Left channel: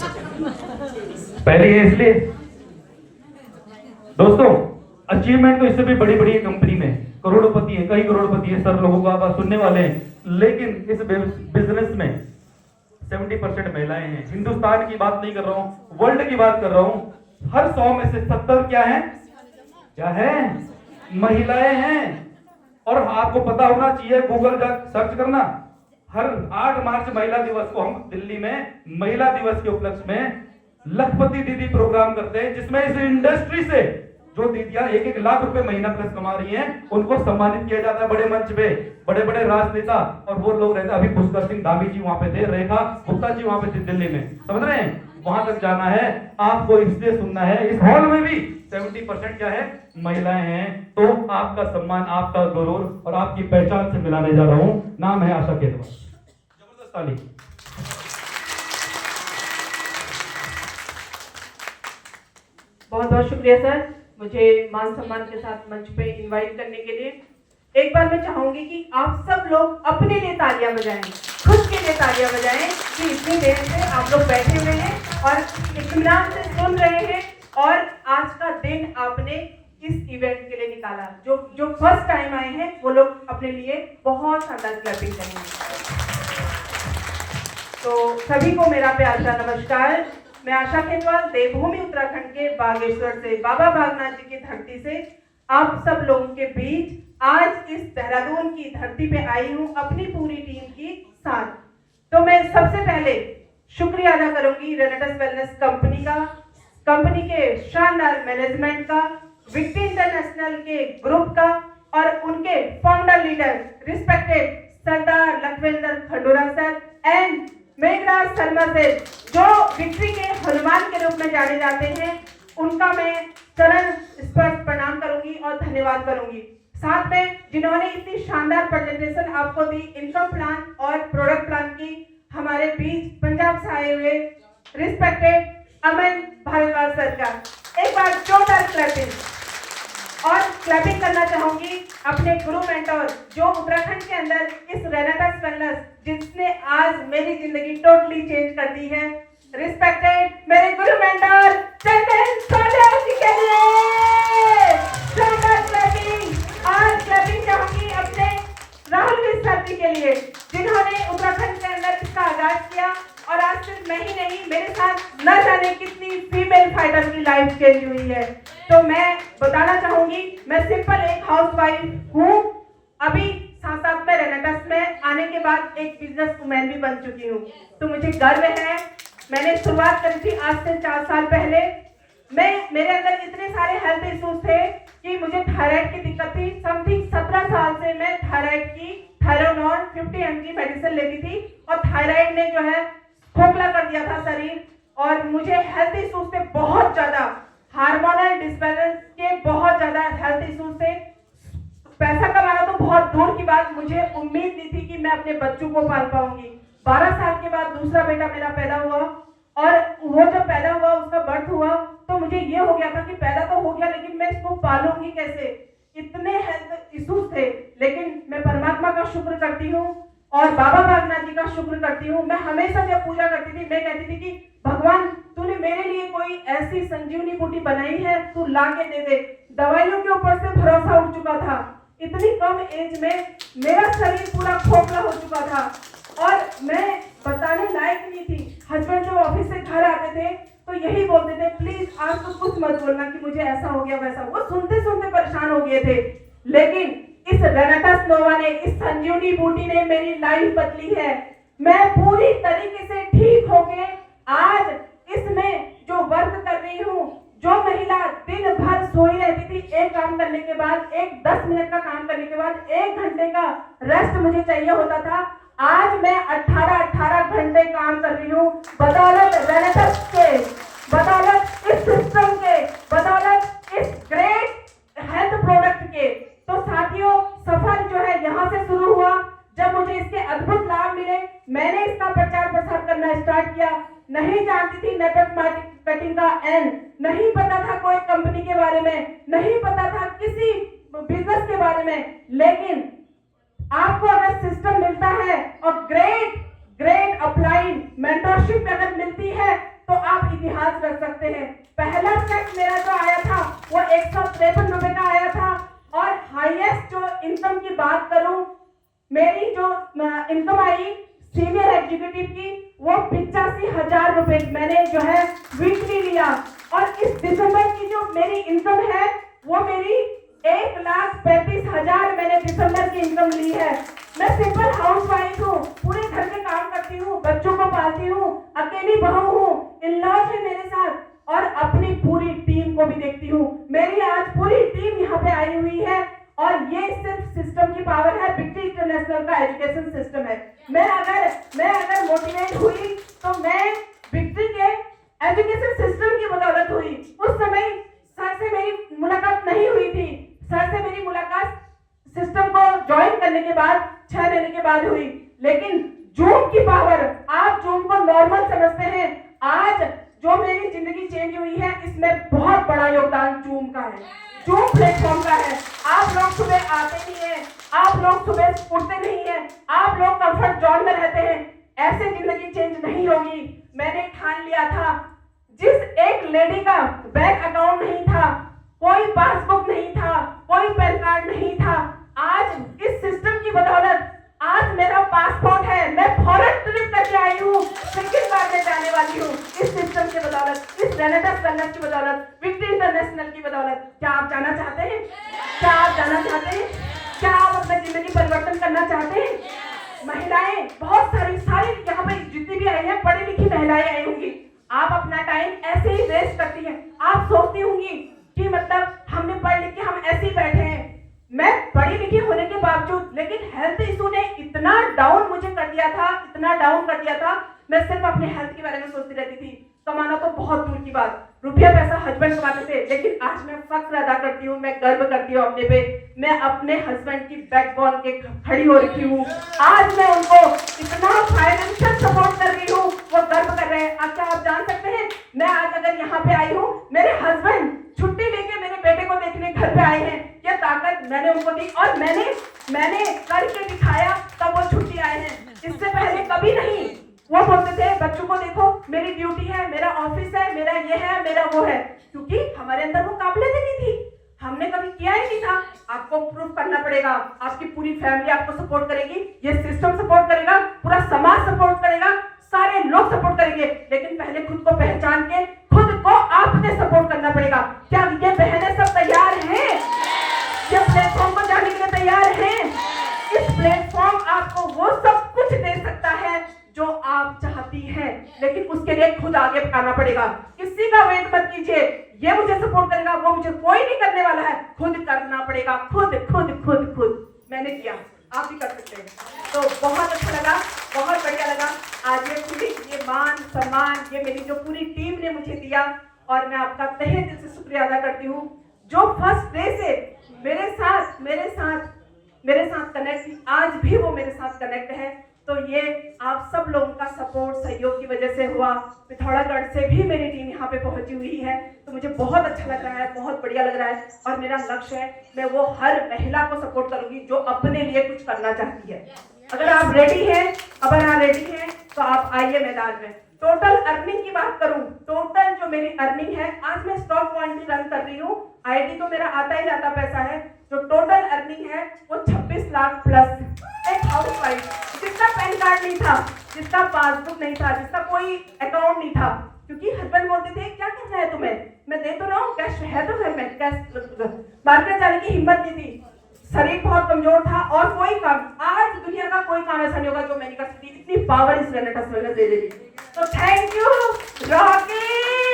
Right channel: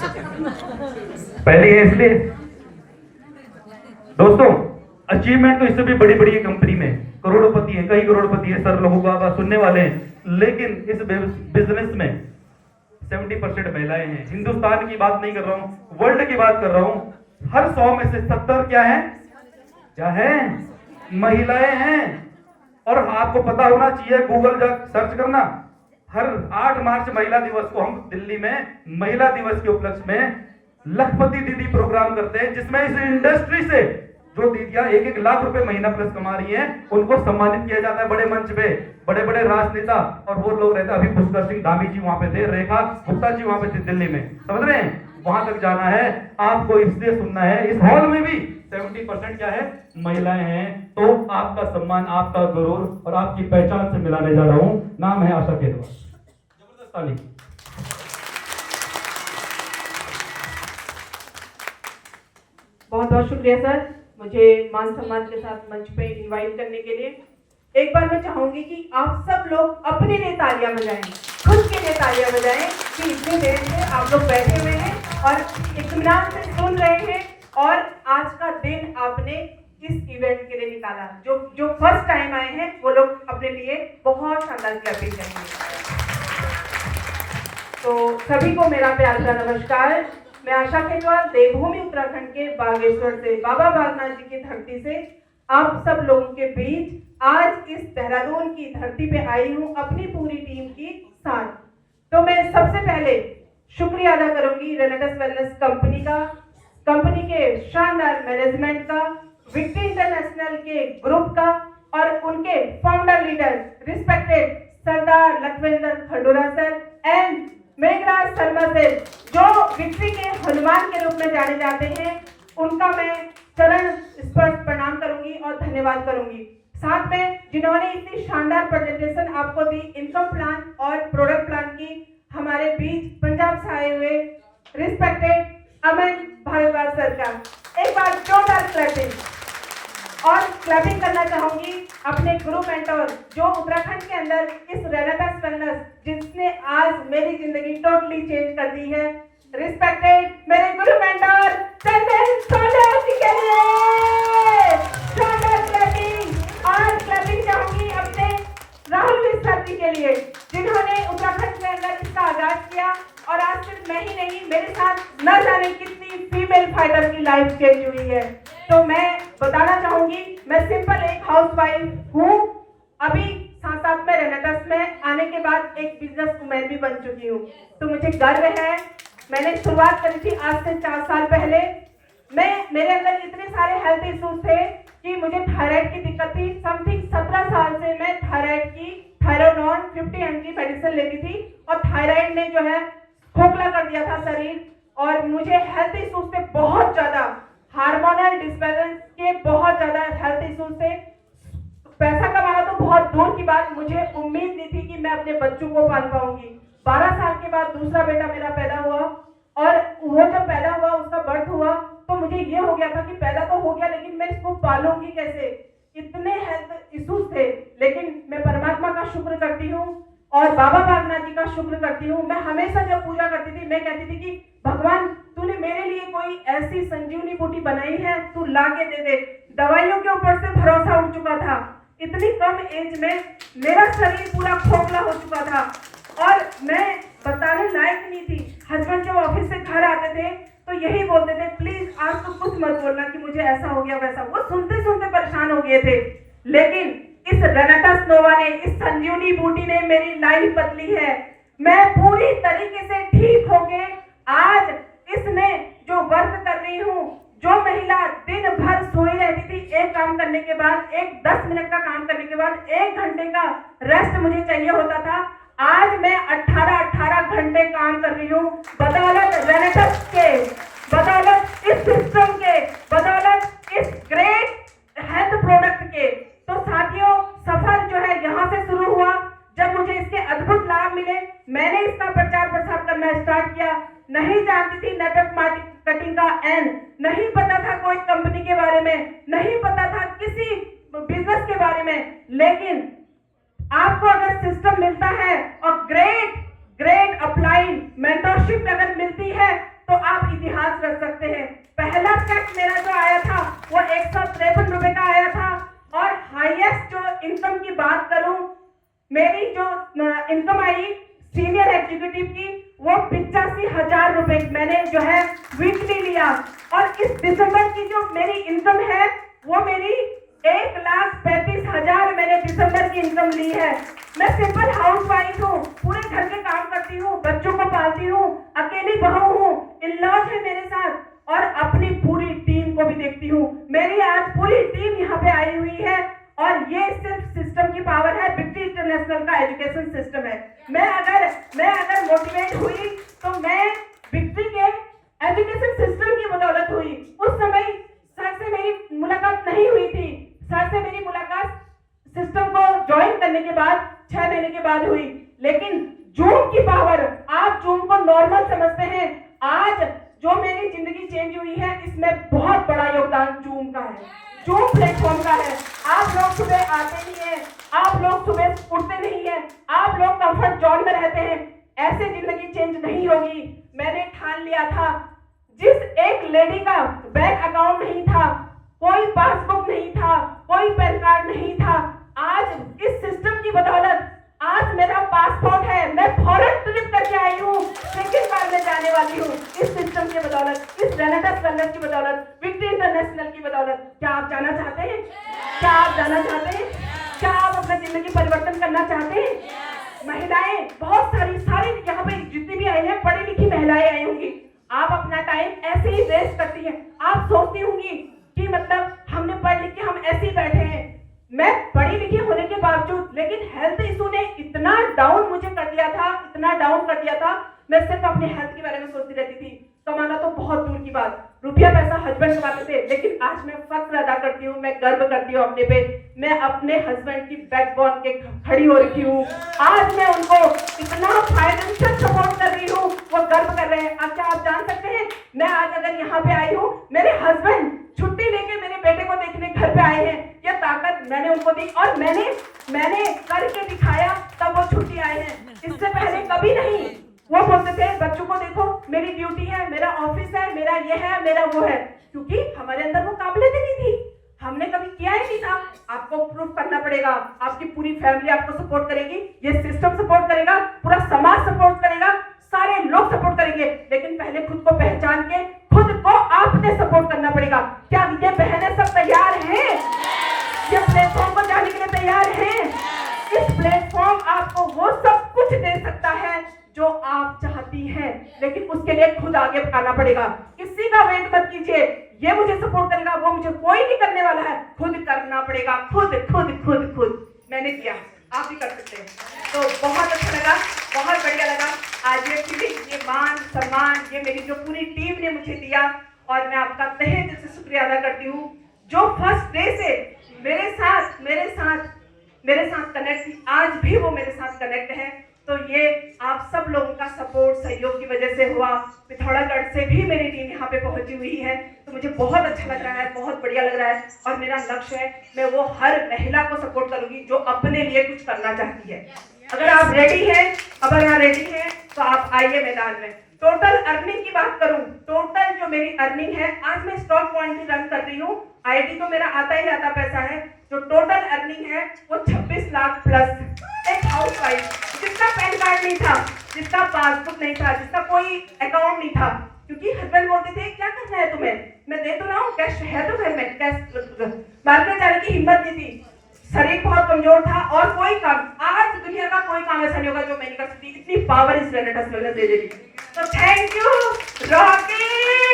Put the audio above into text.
पहले ये इसलिए दोस्तों अचीवमेंट तो इससे भी बड़ी बड़ी कंपनी में करोड़पति है, कई करोड़पति है, सर लोगों का सुनने वाले हैं, लेकिन इस बिजनेस में 70% महिलाएं हैं। हिंदुस्तान की बात नहीं कर रहा हूं, वर्ल्ड की बात कर रहा हूं। हर 100 में से 70 क्या है महिलाएं हैं। और आपको पता होना चाहिए, गूगल जा सर्च करना, हर 8 मार्च महिला दिवस को हम दिल्ली में महिला दिवस के उपलक्ष्य में लखपति दीदी प्रोग्राम करते हैं, जिसमें इस इंडस्ट्री से जो दीदियां 1-1 लाख रुपए महीना प्लस कमा रही हैं, उनको सम्मानित किया जाता है बड़े मंच पे। बड़े बड़े राजनेता और वो लोग रहते, अभी पुष्कर सिंह धामी जी वहां पे थे, रेखा गुप्ता जी वहां पे थे दिल्ली में, समझ रहे हैं? वहां तक जाना है आपको, इसलिए सुनना है। इस हॉल में भी 70% क्या है महिलाएं हैं। तो आपका सम्मान, आपका गौरव और आपकी पहचान से मिलाने जा रहा हूं। नाम है आशा केतवा। जबरदस्त ताली। बहुत बहुत शुक्रिया सर, मुझे मान सम्मान के साथ मंच पे इनवाइट करने के लिए। एक बार मैं चाहूंगी कि आप सब लोग अपने लिए तालियां बजाएं, खुद के लिए तालियां बजाएं कि इतने देर से आप लोग बैठे हुए हैं और इत्मीनान से सुन रहे हैं और आज का दिन आपने इस इवेंट के लिए निकाला। जो फर्स्ट टाइम आए हैं वो लोग अपने लिए बहुत शानदार क्लैपिंग करेंगे। तो सभी को मेरा प्यार का नमस्कार। मैं आशा केतवाल देवभूमि उत्तराखंड के बागेश्वर से, बाबा बागनाथ जी की धरती से आप सब लोगों के बीच आज इस देहरादून की धरती पे आई हूँ अपनी पूरी टीम के साथ। तो मैं सबसे पहले शुक्रिया अदा करूंगी रेनेटस वेलनेस कंपनी का, कंपनी के शानदार मैनेजमेंट का, विक्टी इंटरनेशनल के ग्रुप का और उनके founder leader respected Sardar Lakhwinder Khandura sir and Meghraj Sharma से, जो विक्ट्री के हनुमान के रूप में जाने जाते हैं। उनका मैं चरण स्पर्श प्रणाम करूंगी और धन्यवाद करूंगी। साथ में जिन्होंने इतनी शानदार प्रेजेंटेशन आपको दी इनकम प्लान और प्रोडक्ट प्लान की, हमारे बीच पंजाब से आए हुए रिस्पेक्टेड अमन भारद्वाज सर का एक बार जोरदार क्लैपिंग। और क्लैपिंग करना चाहूंगी अपने गुरु मेंटोर जो उत्तराखंड के अंदर इस रेनेटस वेलनेस, जिसने आज मेरी जिंदगी टोटली चेंज कर दी है, रिस्पेक्टेड मेरे गुरु मेंटोर चंदन सोलर जी के लिए शानदार क्लैपिंग। और क्लैपिंग चाहूंगी अपने राहुल विस्तार जी के लिए, जिन्होंने उत्तराखंड के अंदर इसका आगाज किया और आज सिर्फ मैं ही नहीं, मेरे साथ न जाने कितनी फीमेल फाइटर की लाइफ चेंज हुई है। तो मैं बताना चाहूंगी, मैं सिंपल एक हाउसवाइफ हूँ, अभी साथ में रेनेटस में आने के बाद एक बिजनेस वुमेन भी बन चुकी हूँ। तो मुझे गर्व है, मैंने शुरुआत करी थी आज से 4 साल पहले। मेरे अंदर इतने सारे हेल्थ इश्यूज थे कि मुझे थायराइड की दिक्कत थी। समथिंग 17 साल से मैं थायराइड की थायरोनॉन 50 mg मेडिसिन लेती थी और थायराइड ने जो है खोखला कर दिया था शरीर। और मुझे हेल्थ इश्यूज से बहुत ज्यादा, हार्मोनल डिसबैलेंस के बहुत ज्यादा हेल्थ इश्यूज थे। पैसा कमाना तो बहुत दूर की बात, मुझे उम्मीद नहीं थी कि मैं अपने बच्चों को पाल पाऊंगी। 12 साल के बाद दूसरा बेटा मेरा पैदा हुआ और वो जब पैदा हुआ, उसका बर्थ हुआ, तो मुझे ये हो गया था कि पैदा तो हो गया लेकिन मैं इसको पालूंगी कैसे। इतने हेल्थ इश्यूज थे, लेकिन मैं परमात्मा का शुक्र करती हूँ और बाबा बागनाथ जी का शुक्र करती हूँ। मैं हमेशा जब पूजा करती थी, मैं कहती थी कि भगवान तूने मेरे लिए कोई ऐसी संजीवनी बूटी बनाई है, तू ला के दे दे। दवाइयों के ऊपर से भरोसा उठ चुका था, इतनी कम एज में मेरा शरीर पूरा खोखला हो चुका था और मैं बताने लायक नहीं थी। हस्बैंड जब ऑफिस से घर आते थे तो यही बोलते थे, प्लीज आज तो कुछ मत बोलना कि मुझे ऐसा हो गया वैसा। वो सुनते सुनते परेशान हो गए थे, लेकिन इस रेनेटस नोवा ने, इस संजीवनी बूटी ने मेरी लाइफ बदली है। मैं पूरी तरीके से ठीक होके आज इसमें जो वर्क कर रही हूँ, जो महिला दिन भर सोई रहती थी, एक काम करने के बाद, एक 10 मिनट का काम करने के बाद 1 घंटे का रेस्ट मुझे चाहिए होता था, आज मैं 18 घंटे काम कर रही हूँ बदौलत रेनेटस के, बदौलत इस सिस्टम के, बदौलत इस ग्रेट हेल्थ प्रोडक्ट के। तो साथियों, सफर जो है यहाँ से शुरू हुआ। जब मुझे इसके अद्भुत लाभ मिले, मैंने इसका प्रचार प्रसार करना स्टार्ट किया। नहीं जानती थी नेटवर्क मार्केटिंग का एन, नहीं पता था कोई कंपनी के बारे में, नहीं पता था किसी बिजनेस के बारे में, लेकिन आपको अगर सिस्टम मिलता है और ग्रेट अप्लाइड मेंटरशिप अगर मिलती है, तो 3000 रुपए मैंने जो है वीकली लिया। और इस दिसंबर की जो मेरी इनकम है वो मेरी 1,35,000 मैंने दिसंबर की इनकम ली है। मैं सिंपल हाउस वाइफ हूँ, पूरे घर के काम करती हूँ, बच्चों को पालती हूँ, अकेली बहू हूँ, इन-लॉज है मेरे साथ और अपनी पूरी टीम को भी देखती हूँ। मेरी आज पूरी टीम यहाँ पे आई हुई है और ये सिर्फ सिस्टम की पावर है, विक्ट्री इंटरनेशनल का एजुकेशन सिस्टम है। मैं अगर मोटिवेट हुई तो मैं विक्ट्री के एजुकेशन सिस्टम की बदौलत हुई। उस समय सर से मेरी मुलाकात नहीं हुई थी, सर से मेरी मुलाकात सिस्टम को ज्वाइन करने के बाद 6 महीने के बाद हुई। लेकिन जूम की पावर, आप जूम को नॉर्मल समझते हैं, आज जो मेरी जिंदगी चेंज हुई है इसमें बहुत बड़ा योगदान जूम का है, जूम प्लेटफॉर्म का है। आप लोग सुबह आते नहीं हैं, आप लोग सुबह उठते नहीं हैं, आप लोग कंफर्ट जोन में रहते हैं, ऐसे जिंदगी चेंज नहीं होगी। मैंने ठान लिया था, जिस एक लेडी का बैंक अकाउंट नहीं था, कोई पासबुक नहीं था, कोई पैन कार्ड नहीं था, आज इस सिस्टम की बदौलत आज मेरा पासपोर्ट है, मैं फॉरेन ट्रिप करके आई हूँ, सेकंड बार में जाने वाली हूँ इस सिस्टम की बदौलत, इस रेनेसांस कॉलेज की बदौलत, विक्ट्री इंटरनेशनल की बदौलत। क्या आप जाना चाहते हैं? क्या आप जाना चाहते हैं? क्या आप अपना जिंदगी परिवर्तन करना चाहते हैं? महिलाएं बहुत सारी यहाँ पे जितनी भी आई हैं, पढ़ी लिखी महिलाएं आई होंगी। आप अपना टाइम ऐसे ही वेस्ट करती हैं। आप सोचती होंगी कि मतलब हमने पढ़ लिख के हम ऐसे ही बैठे हैं। मैं पढ़ी लिखी होने के बावजूद, लेकिन हेल्थ इशू ने इतना डाउन मुझे कर दिया था, इतना डाउन कर दिया था, मैं सिर्फ अपने हेल्थ के बारे में सोचती रहती थी। कमाना तो बहुत दूर की बात, रुपया पैसा हस्बैंड कमाते थे, लेकिन आज मैं फख्र अदा करती हूँ, मैं गर्व करती हूँ अपने पे। मैं अपने हस्बैंड की बैकबोन के खड़ी हो रही हूँ। आज मैं उनको इतना फाइनेंशियल सपोर्ट कर रही हूँ, वो गर्व कर रहे हैं। क्या आप जान सकते हैं, मैं आज अगर यहाँ पे आई हूँ, मेरे हस्बैंड छुट्टी लेके मेरे बेटे को देखने घर पे आए हैं। यह ताकत मैंने उनको दी और मैंने करके दिखाया, तब वो छुट्टी आए हैं। इससे पहले कभी नहीं। वो बोलते थे बच्चों को देखो, मेरी ड्यूटी है, मेरा ऑफिस है, मेरा ये है, मेरा वो है, क्योंकि हमारे अंदर वो काबिलियत नहीं थी, हमने कभी किया ही नहीं था। आपको प्रूफ करना पड़ेगा, आपकी पूरी फैमिली आपको सपोर्ट करेगी, ये सिस्टम सपोर्ट करेगा, पूरा समाज सपोर्ट करेगा, सारे लोग सपोर्ट करेंगे, लेकिन पहले खुद को पहचान के खुद को आपने सपोर्ट करना पड़ेगा। क्या ये बहनें सब तैयार हैं? ये प्लेटफॉर्म को जाने के लिए तैयार हैं? इस प्लेटफॉर्म आपको वो सब कुछ दे सकता है जो आप चाहती हैं, लेकिन उसके लिए खुद आगे आना पड़ेगा। किसी का वेट मत कीजिए, ये मुझे सपोर्ट करेगा, वो मुझे कोई नहीं करने वाला है, खुद करना पड़ेगा, खुद खुद खुद खुद। मैंने किया, आप भी कर सकते हैं। तो बहुत अच्छा लगा, बहुत बढ़िया लगा। आज ये फीलिंग, ये मान सम्मान, ये मेरी जो पूरी टीम ने मुझे दिया, और मैं आपका तहे दिल से शुक्रिया अदा करती हूँ, जो फर्स्ट डे से मेरे साथ कनेक्ट थी, आज भी वो मेरे साथ कनेक्ट है। तो ये आप सब लोगों का सपोर्ट, सहयोग की वजह से हुआ। पिथौरागढ़ से भी मेरी टीम यहाँ पे पहुंची हुई है, तो मुझे बहुत अच्छा लग रहा है, बहुत बढ़िया लग रहा है। और मेरा लक्ष्य है, मैं वो हर महिला को सपोर्ट करूंगी जो अपने लिए कुछ करना चाहती है। अगर आप रेडी हैं, तो आप आइए मैदान में। टोटल अर्निंग की बात करूं, टोटल जो मेरी अर्निंग है, आज मैं स्टॉक पॉइंट भी रन कर रही हूँ, आईडी तो मेरा आता ही आता पैसा है। जो टोटल अर्निंग है वो 26 लाख प्लस। एक हाउस वाइफ जिसका पैन कार्ड नहीं था, जिसका पासबुक नहीं था, जिसका कोई अकाउंट नहीं था, क्योंकि हस्बैंड बोलते थे क्या करना है तुम्हें, मैं दे तो रहा हूँ, कैश है तो घर में, कैश मार्केट जाने की हिम्मत नहीं थी, शरीर बहुत कमजोर था, और कोई काम, आज दुनिया का कोई काम ऐसा नहीं होगा जो मैं नहीं कर सकती। इतनी पावर इस रेनेसांस कॉलेज ने दे दी। तो थैंक यू रॉकी।